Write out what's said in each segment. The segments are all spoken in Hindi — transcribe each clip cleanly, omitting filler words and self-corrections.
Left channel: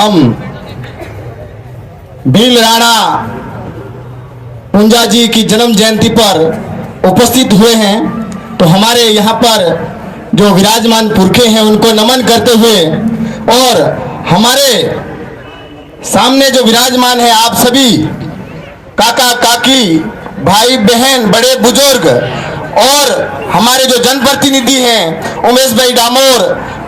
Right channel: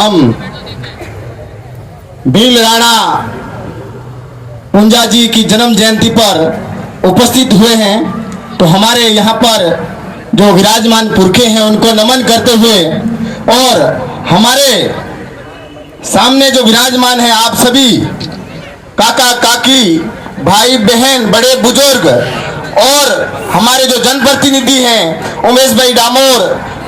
हम भील राणा पुंजा जी की जन्म जयंती पर उपस्थित हुए हैं, तो हमारे यहाँ पर जो विराजमान पुरखे हैं उनको नमन करते हुए और हमारे सामने जो विराजमान है आप सभी काका काकी भाई बहन बड़े बुजुर्ग और हमारे जो जनप्रतिनिधि हैं उमेश भाई डामोर,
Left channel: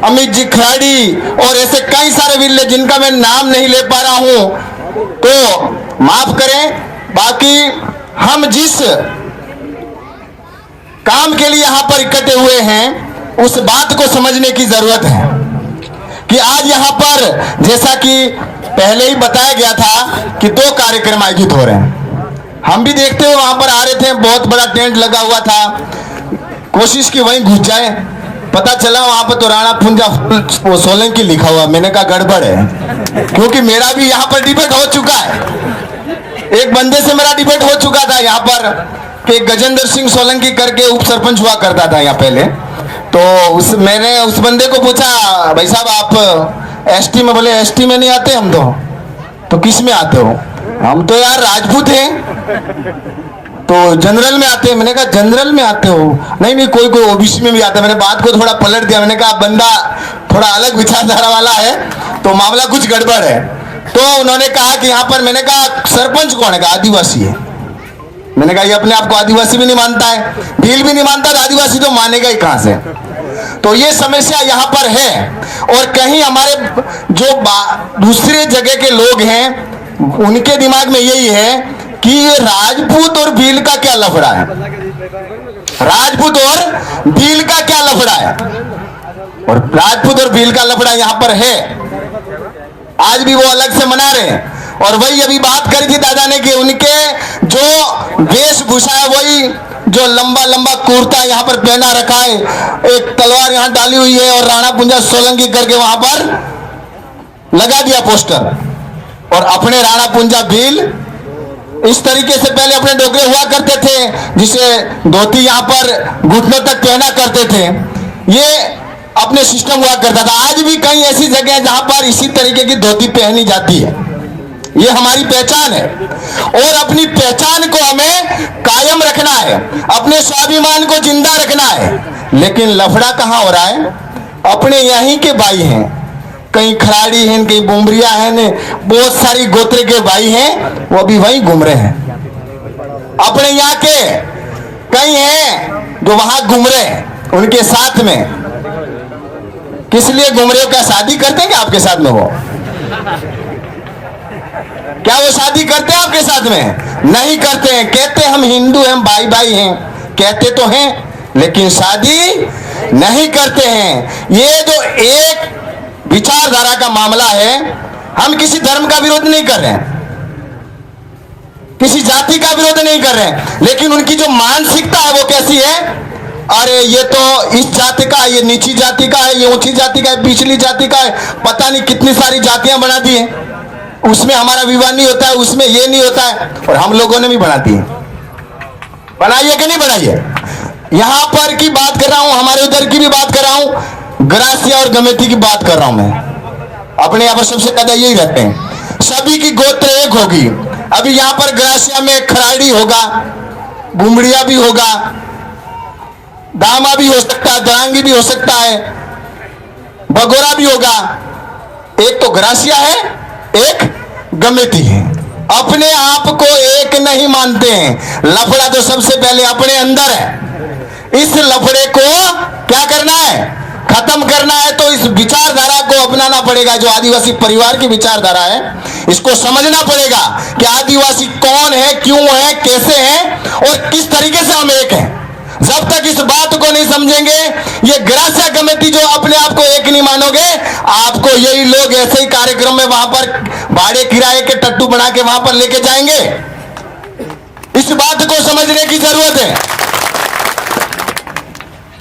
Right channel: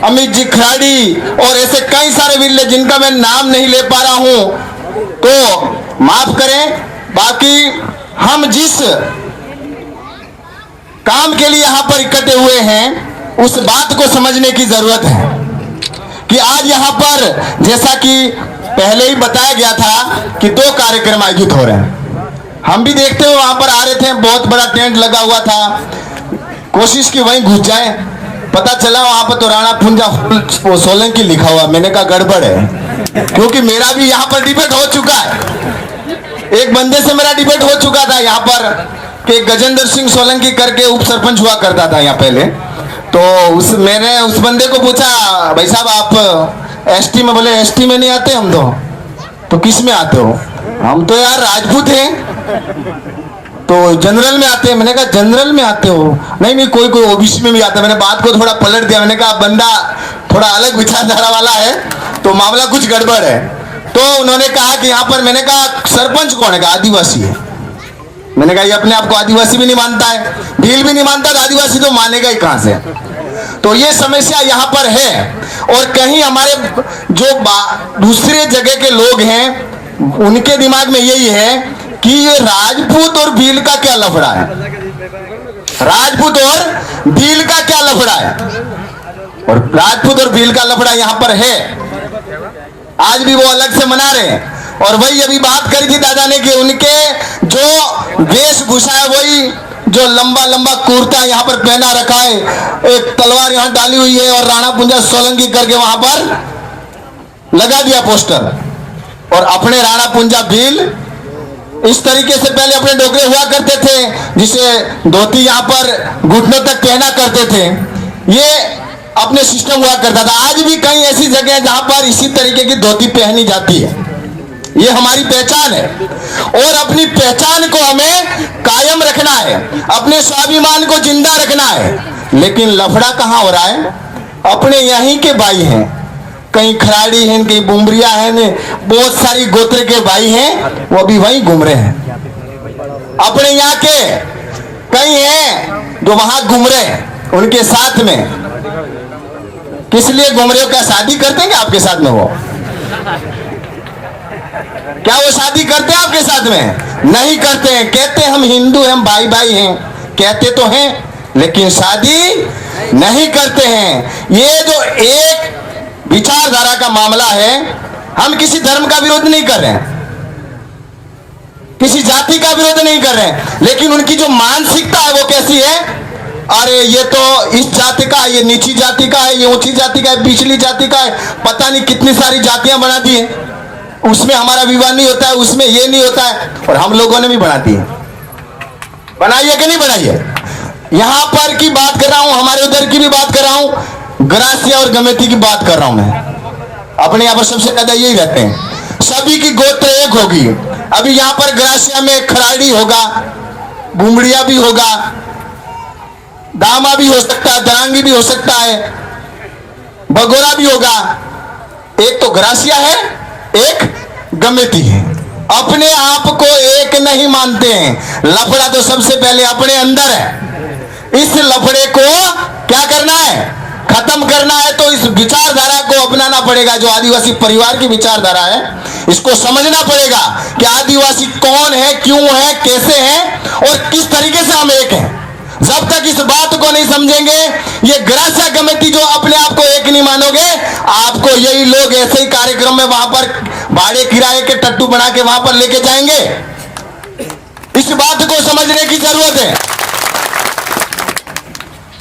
अमित जी खराड़ी और ऐसे कई सारे वीर जिनका मैं नाम नहीं ले पा रहा हूं, तो माफ करें। बाकी हम जिस काम के लिए यहाँ पर इकट्ठे हुए हैं उस बात को समझने की जरूरत है कि आज यहाँ पर जैसा कि पहले ही बताया गया था कि 2 कार्यक्रम आयोजित हो रहे हैं। हम भी देखते हुए वहां पर आ रहे थे, बहुत बड़ा टेंट लगा हुआ था, कोशिश की वहीं घुस जाए, पता चला वहां पर तो राणा पुंजा सोलंकी लिखा हुआ। मैंने कहा गड़बड़ है, क्योंकि मेरा भी यहाँ पर डिबेट हो चुका है। एक बंदे से मेरा डिबेट हो चुका था यहाँ पर कि गजेंद्र सिंह सोलंकी करके उप सरपंच हुआ करता था यहाँ पहले। तो मैंने उस बंदे को पूछा, भाई साहब आप एसटी में? बोले एसटी में नहीं आते हम तो किस में आते हो? हम तो यार राजपूत हैं, तो जनरल में आते हैं। मैंने कहा जनरल में आते हो? नहीं कोई ओबीसी में भी आता है। मैंने बात को थोड़ा पलट दिया, मैंने कहा बंदा थोड़ा अलग विचारधारा वाला है तो मामला कुछ गड़बड़ है। तो उन्होंने कहा कि यहाँ पर, मैंने कहा सरपंच कौन है? कहा आदिवासी है। मैंने कहा ये अपने आप को आदिवासी भी नहीं मानता है, भील भी नहीं मानता, आदिवासी तो मानेगा ही कहां से? तो ये समस्या यहाँ पर है। और कहीं हमारे जो दूसरे जगह के लोग हैं उनके दिमाग में यही है कि ये राजपूत और भील का क्या लफड़ा है, राजपूत और भील का क्या लफड़ा है। और राजपूत और भील का लफड़ा यहाँ पर है, आज भी वो अलग से मना रहे हैं। और वही अभी बात करी थी दादा ने कि उनके जो वेशभूषा है वही जो लंबा लंबा कुर्ता यहाँ पर पहना रखा है, एक तलवार यहाँ डाली हुई है और राणा पुंजा सोलंकी करके वहां पर लगा दिया पोस्टर। और अपने राणा पुंजा भील इस तरीके से पहले अपने डोगरे हुआ करते थे, जिसे धोती यहाँ पर घुटनों तक पहना करते थे, ये अपने सिस्टम हुआ करता था। आज भी कई ऐसी जगह है जहां पर इसी तरीके की धोती पहनी जाती है, ये हमारी पहचान है। और अपनी पहचान को हमें कायम रखना है, अपने स्वाभिमान को जिंदा रखना है। लेकिन लफड़ा कहां हो रहा है? अपने यहीं के भाई हैं, कहीं खराड़ी हैं, कहीं बुमरिया हैं, बहुत सारी गोत्र के भाई हैं, वो भी वहीं घूम रहे हैं। अपने यहाँ के कई हैं जो वहां घूम रहे हैं, उनके साथ में किस लिए घूम रहे हो? क्या शादी करते हैं क्या आपके साथ में? वो क्या वो शादी करते हैं आपके साथ में? नहीं करते हैं। कहते हैं हम हिंदू हैं, हम भाई भाई हैं, कहते तो हैं, लेकिन शादी नहीं करते हैं। ये जो एक विचारधारा का मामला है, हम किसी धर्म का विरोध नहीं कर रहे हैं, किसी जाति का विरोध नहीं कर रहे हैं, लेकिन उनकी जो मानसिकता है वो कैसी है? अरे ये तो इस जाति का, ये नीची जाति का है, ये ऊंची जाति का है, पिछली जाति का है, पता नहीं कितनी सारी जातियां बना दी है। उसमें हमारा विवाह नहीं होता है, उसमें ये नहीं होता है, और हम लोगों ने भी बना दी है। बनाई है कि नहीं बनाई है? यहां पर की बात कर रहा हूं, हमारे उधर की भी बात कर रहा हूं, ग्रासिया और गमेती की बात कर रहा हूं मैं। अपने यहाँ पर सबसे ज्यादा यही रहते हैं, सभी की गोत्र एक होगी। अभी यहाँ पर ग्रासिया में खराड़ी होगा, बुमड़िया भी होगा, दामा भी हो सकता है, दरांगी भी हो सकता है, बगोरा भी होगा। एक तो ग्रासिया है, एक गमेती है। अपने आप को एक नहीं मानते हैं। लफड़ा तो सबसे पहले अपने अंदर है। इस लफड़े को क्या करना है? खत्म करना है। तो इस विचारधारा को अपनाना पड़ेगा, जो आदिवासी परिवार की विचारधारा है, इसको समझना पड़ेगा कि आदिवासी कौन है, क्यों है, कैसे है और किस तरीके से हम एक हैं। जब तक इस बात को नहीं समझेंगे, ये ग्रासिया कमेटी जो अपने आप को एक नहीं मानोगे, आपको यही लोग ऐसे ही कार्यक्रम में वहां पर भाड़े किराए के टट्टू बना के वहां पर लेके जाएंगे। इस बात को समझने की जरूरत है।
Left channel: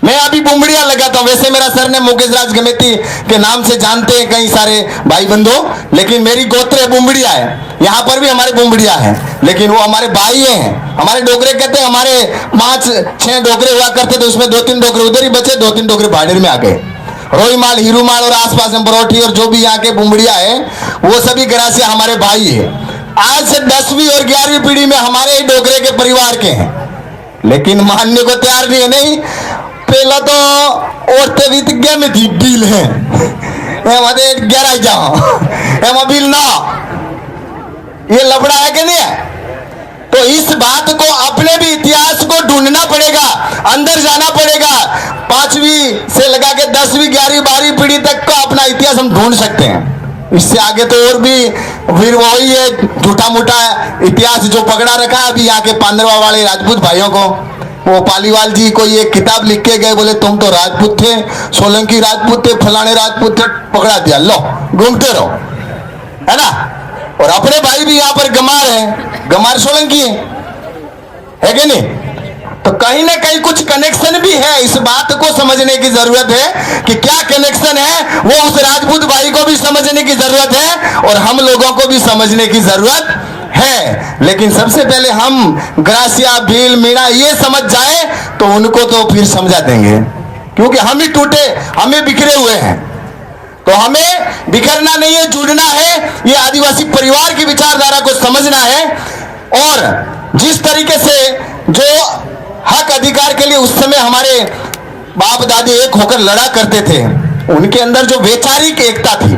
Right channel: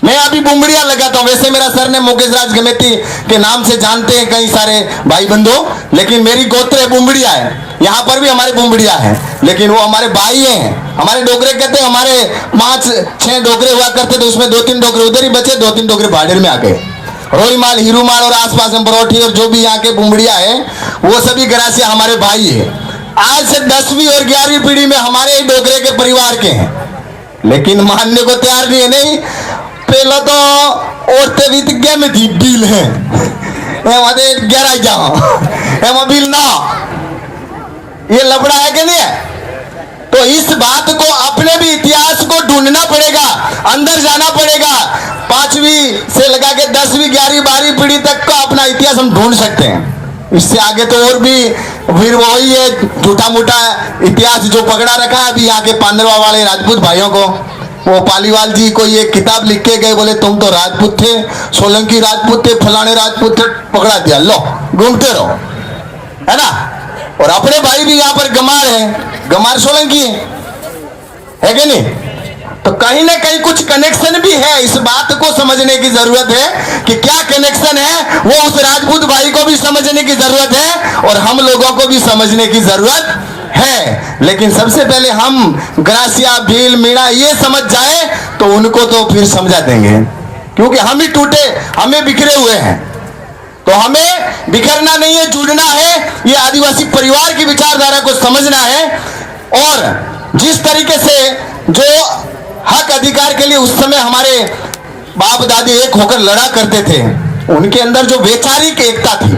मैं अभी बुमड़िया लगाता हूं, वैसे मेरा सर ने मुकेश राज गमेती के नाम से जानते हैं कई सारे भाई बंधु, लेकिन मेरी गोत्र बुमड़िया है। यहाँ पर भी हमारे बुमड़िया है, लेकिन वो हमारे भाई हैं। हमारे डोगरे कहते हैं, हमारे 5-6 डोगरे हुआ करते थे, उसमें 2-3 डोगरे उधर ही बचे, 2-3 डोगरे भाड़ेर में आ गए। रोईमाल, हीरूमाल और आसपास में बरोठी और जो भी यहाँ के बुमड़िया है, वो सभी ग्रासिया हमारे भाई है। आज से 10वीं और 11वीं पीढ़ी में हमारे ही डोगरे के परिवार के हैं, लेकिन मानने को तैयार नहीं है। नहीं, पहला तो औरतें विज्ञा में थी बिल है, गहराई जाओ बिल ना, ये लफड़ा है कि नहीं है? तो इस बात को अपने भी इतिहास को ढूंढना पड़ेगा, अंदर जाना पड़ेगा। 5वीं से लगा के 10वीं 11वीं 12वीं पीढ़ी तक का अपना इतिहास हम ढूंढ सकते हैं। इससे आगे तो और भी फिर वही है झूठा मूठा इतिहास जो पकड़ा रखा है। अभी यहाँ के पांडवा वाले राजपूत भाइयों को, वो पालीवाल जी को ये किताब लिख के गए, बोले तुम तो राजपूत थे, सोलंकी राजपूत थे, फलाने राजपूत थे, पकड़ा दिया, लो घूमते रहो, है ना। और अपने भाई भी यहाँ पर गमार है, गमार सोलंकी है कि नहीं? तो कहीं ना कहीं कुछ कनेक्शन भी है। इस बात को समझने की जरूरत है कि क्या कनेक्शन है, वो उस राजपूत भाई को भी समझने की जरूरत है और हम लोगों को भी समझने की जरूरत है। लेकिन सबसे पहले हम ग्रासिया, भील, मीणा ये समझ जाए तो उनको तो फिर समझा देंगे, क्योंकि हम ही टूटे, हमें बिखरे हुए हैं। तो हमें बिखरना नहीं है, जुड़ना है, ये आदिवासी परिवार की विचारधारा को समझना है। और जिस तरीके से जो हक अधिकार के लिए उस समय हमारे बाप दादी एक होकर लड़ा करते थे, उनके अंदर जो वैचारिक एकता थी,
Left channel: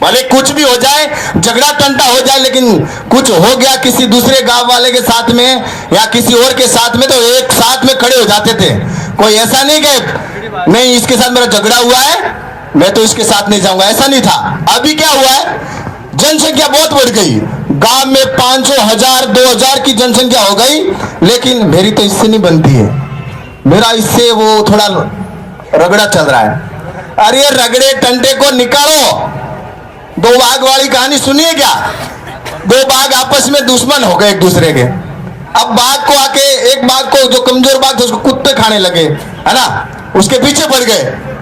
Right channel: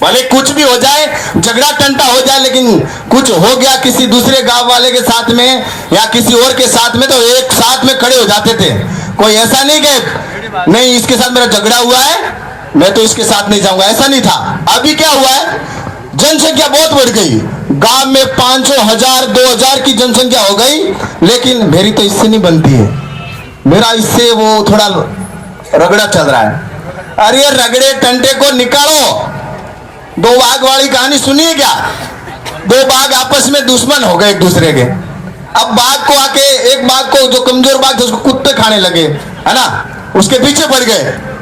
भले कुछ भी हो जाए, झगड़ा टंटा हो जाए, लेकिन कुछ हो गया किसी दूसरे गांव वाले के साथ में या किसी और के साथ में, तो एक साथ में खड़े हो जाते थे। कोई ऐसा नहीं कि नहीं इसके साथ मेरा झगड़ा हुआ है, मैं तो इसके साथ नहीं जाऊंगा, ऐसा नहीं था। अभी क्या हुआ है, जनसंख्या बहुत बढ़ गई, गांव में 500, 1000, 2000 की जनसंख्या हो गई, लेकिन मेरी तो इससे नहीं बनती है, मेरा इससे वो थोड़ा रगड़ा चल रहा है। अरे रगड़े टंटे को निकालो। 2 बाघ वाली कहानी सुनिए क्या? 2 बाघ आपस में दुश्मन हो गए एक दूसरे के। अब बाघ को आके, एक बाघ को, जो कमजोर बाघ था उसको कुत्ते खाने लगे, है ना, उसके पीछे पड़ गए।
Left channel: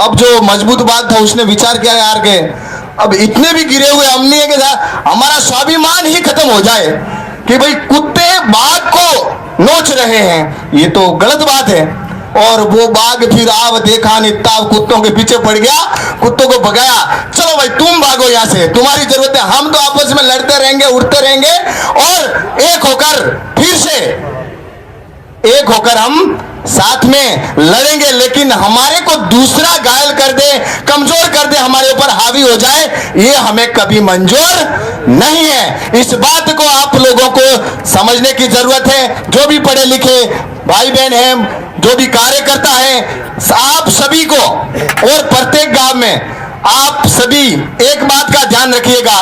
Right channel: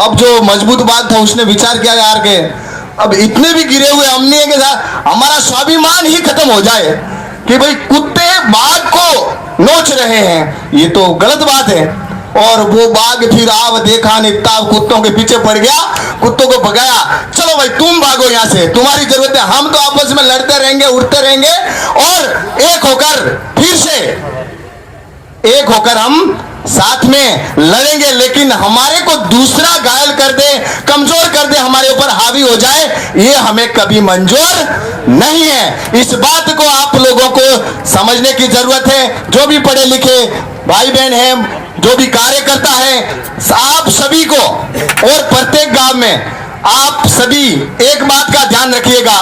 अब जो मजबूत बाघ था उसने विचार किया यार के अब इतने भी गिरे हुए हमने के साथ हमारा स्वाभिमान ही खत्म हो जाए कि भाई कुत्ते बाघ को नोच रहे हैं, ये तो गलत बात है। और वो बाघ फिर आव देखा निताब कुत्तों के पीछे पड़ गया, कुत्तों को भगाया, चलो भाई तुम भागो यहाँ से, तुम्हारी जरूरत है, हम तो आपस में लड़ते रहेंगे, उड़ते रहेंगे और एक होकर फिर से एक होकर हम साथ में लड़ेंगे। लेकिन हमारे को दूसरा घायल कर दे, कमजोर कर दे, हमारे ऊपर हावी हो जाए, ये हमें कभी मंजूर नहीं है। इस बात को आप लोगों को समझने की जरूरत है। जो भी पढ़े लिखे भाई बहन हैं, जो भी कार्यकर्ता है, आप सभी को और प्रत्येक गांव में आप सभी एक बात का ध्यान रखिएगा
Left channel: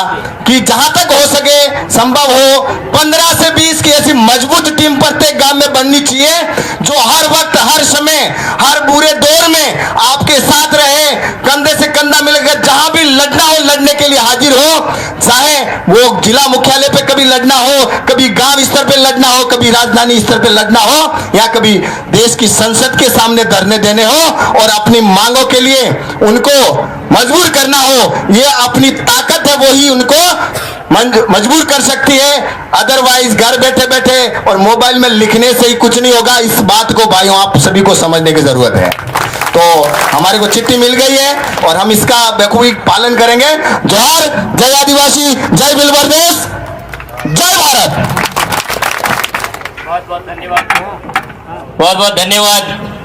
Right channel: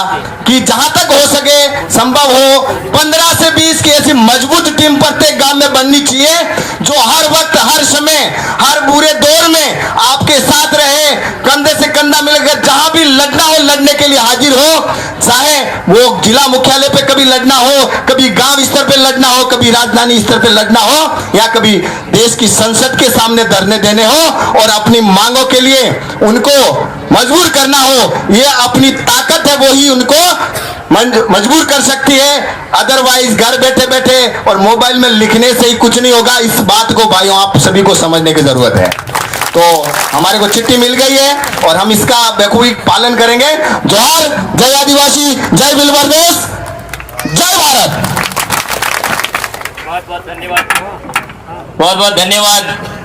कि जहां तक हो सके, संभव हो, 15 से 20 की ऐसी मजबूत टीम प्रत्येक गांव में बननी चाहिए, जो हर वक्त, हर समय, हर बुरे दौर में आपके साथ रहे, कंधे से कंधा मिलकर जहां भी लड़ना हो लड़ने के लिए हाजिर हो। चाहे वो जिला मुख्यालय पे कभी लड़ना हो, कभी गांव स्तर पे लड़ना हो, कभी राजधानी स्तर पे लड़ना हो, या कभी देश की संसद के सामने धरने देने हो और अपनी मांगों के लिए उनको मजबूर करना हो। ये अपनी ताकत है, वो ही उनको मजबूर कर सकती है। अदरवाइज घर बैठे बैठे और मोबाइल में लिखने से ही कुछ नहीं होगा। इस बात को भाइयों आप सभी को समझने की जरूरत है। तो हमारे को चिट्ठी मिल गई है और हम इसका बखूबी पालन करेंगे। जोहार, जय आदिवासी, जय बिलबरदेश, जय भारत। बहुत बहुत धन्यवाद। बहुत बहुत धन्यवाद।